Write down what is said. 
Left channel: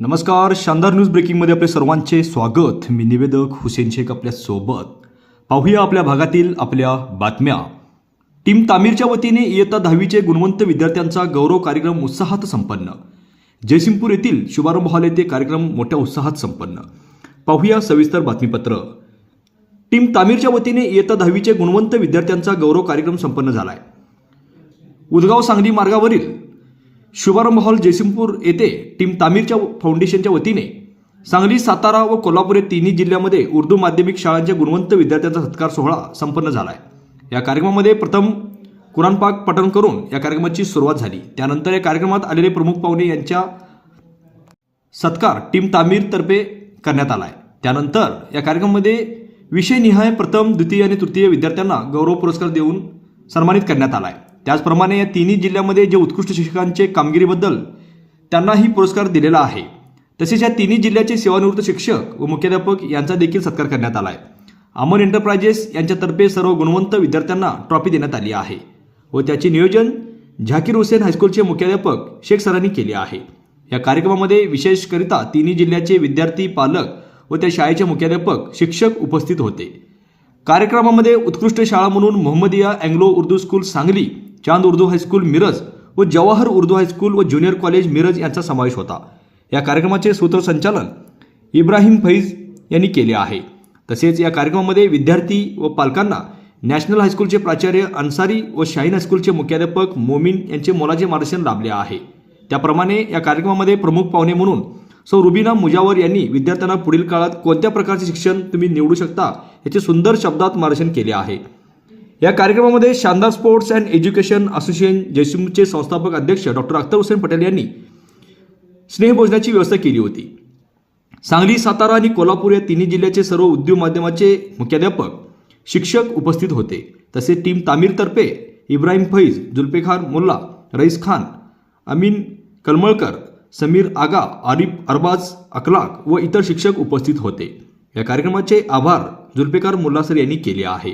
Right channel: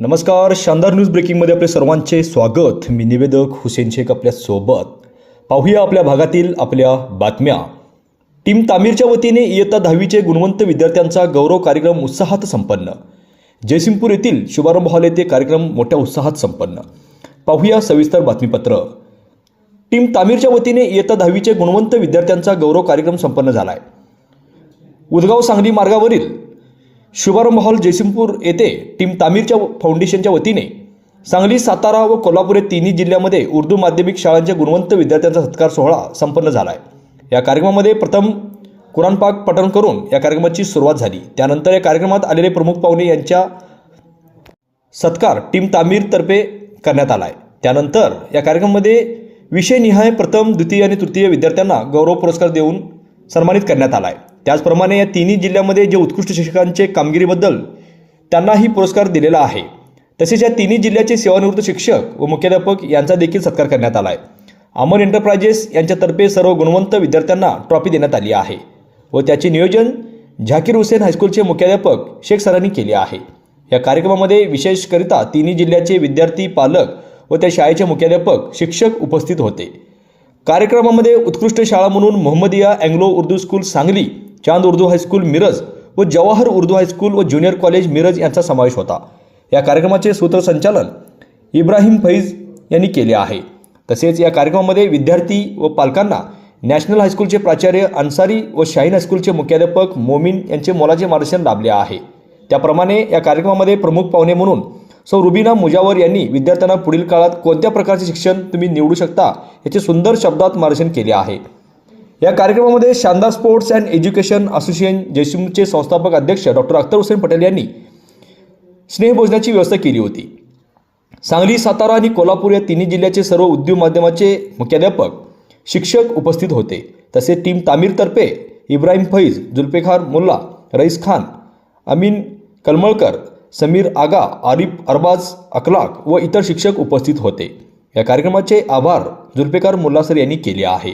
नमस्कार शानदार न्यूज ब्रेकिंगमध्ये आपले सर्वांचे स्वागत. मी निवेदक हुसेन शेख आपल्यासोबत. पाहूया आपल्या भागातील आपल्या बातम्या. टीम तामीरच्या वतीने इयत्ता दहावीचे गुणवंत विद्यार्थ्यांचा गौरव कार्यक्रम उत्साहात संपन्न. जयसिंगपूर येथील शुभारंभ हॉल येथे कार्यक्रम मोठ्या उत्साहात संपन्न. पाहूया सविस्तर बातमीपत्र. टीम तामीरच्या वतीने इयत्ता दहावीचे गुणवंत विद्यार्थ्यांचा गौरव कार्यक्रम संपन्न झाला आहे उदगाव सांगली मार्गावरील शुभारंभ हॉल जयसिंगपूर येथे टीम तामीरच्या फाउंडेशनच्या वतीने सांगली सातारा व कोल्हापूर या तिन्ही जिल्ह्यामध्ये उर्दू माध्यमिक शाळांच्या गुणवंत विद्यार्थ्यांचा सत्कार सोहळा संपन्न झाला आहे या कार्यक्रमामध्ये प्रथम कुराण पाक पठण करून या कार्यक्रमाची सुरुवात झाली. त्यानंतर या कार्यक्रमात आलेले प्रमुख पाहुणे यांच्या सत्कार टीम तामीरतर्फे करण्यात आला आहे त्यानंतर या कार्यक्रमामध्ये विषयनिहाय प्रथम द्वितीय आणि तृतीय विद्यार्थ्यांना गौरव पुरस्कार देऊन सन्मानित करण्यात आला आहे त्याचप्रमाणे या तिन्ही जिल्ह्यामध्ये जे उत्कृष्ट शिक्षकांचे कामगिरीबद्दल त्यांनाही पुरस्कार दिलेला आहे तसेच या तिन्ही जिल्ह्याचे सेवानिवृत्त शिक्षक व मुख्याध्यापक यांचा देखील सत्कार करण्यात आला आहे. अमर एंटरप्राइजेस यांच्यातर्फे सर्व गुणवंत विद्यार्थ्यांना ट्रॉफी देण्यात आली आहे व त्याचे नियोजन झाकीर हुसेन हायस्कूलचे मुख्याध्यापक शेख सरांनी केले आहे. या कार्यक्रमामध्ये विशेषकरिता तिन्ही जिल्ह्याचे विद्यार्थी पालक व त्या शाळेचे मुख्याध्यापक शिक्षक उपस्थित होते. कार्यक्रमामध्ये उत्कृष्ट शाळा म्हणून Mohammadiya Anglo Urdu school Sangli Chand Urdu high school Miraj व जवाहर उर्दू हायस्कूल व ज्युनियर कॉलेज मिरज यांचा समावेश होता. या कार्यक्रमाचे सूत्रसंचालन इब्राहिम फैज यांनी केले आहे. तसेच या कार्यक्रमामध्ये विद्यार्थी व पालकांना नॅशनल हायस्कूलचे प्राचार्य अन्सारी व शाहीन हायस्कूलचे मुख्याध्यापक मोमीन यांचे मोलाचे मार्गदर्शन लाभले आहे. त्याप्रमाणे या कार्यक्रमामध्ये प्रमुख पाहुणे म्हणून सौ रुबिना मुजावर यांनी विद्यार्थ्यांना पुढील काळात कोणत्या प्रकारचे शिक्षण तुम्ही निवडू शकता याचे सुंदर शब्दात मार्गदर्शन केले आहे. या कार्यक्रमामध्ये Shandar sports and education association जयसिमचे संस्थापक अध्यक्ष डॉक्टर अख्तर हुसेन पटेल यांनी स्नेहभोजनाची व्यवस्था केली होती. सांगली सातारा आणि कोल्हापूर या तिन्ही जिल्ह्याचे सर्व उद्योग माध्यमाचे मुख्याध्यापक शिक्षक उपस्थित होते. तसेच टीम तामीरतर्फे इब्राहिम फैज जुल्फेखार मुल्ला रईस खान अमीन कलमळकर समीर आगा आरिफ अरबाज अखलाक व इतर शिक्षक उपस्थित होते. या कार्यक्रमाचे आभार जुल्फेकार मुल्ला सर यांनी केले आहे.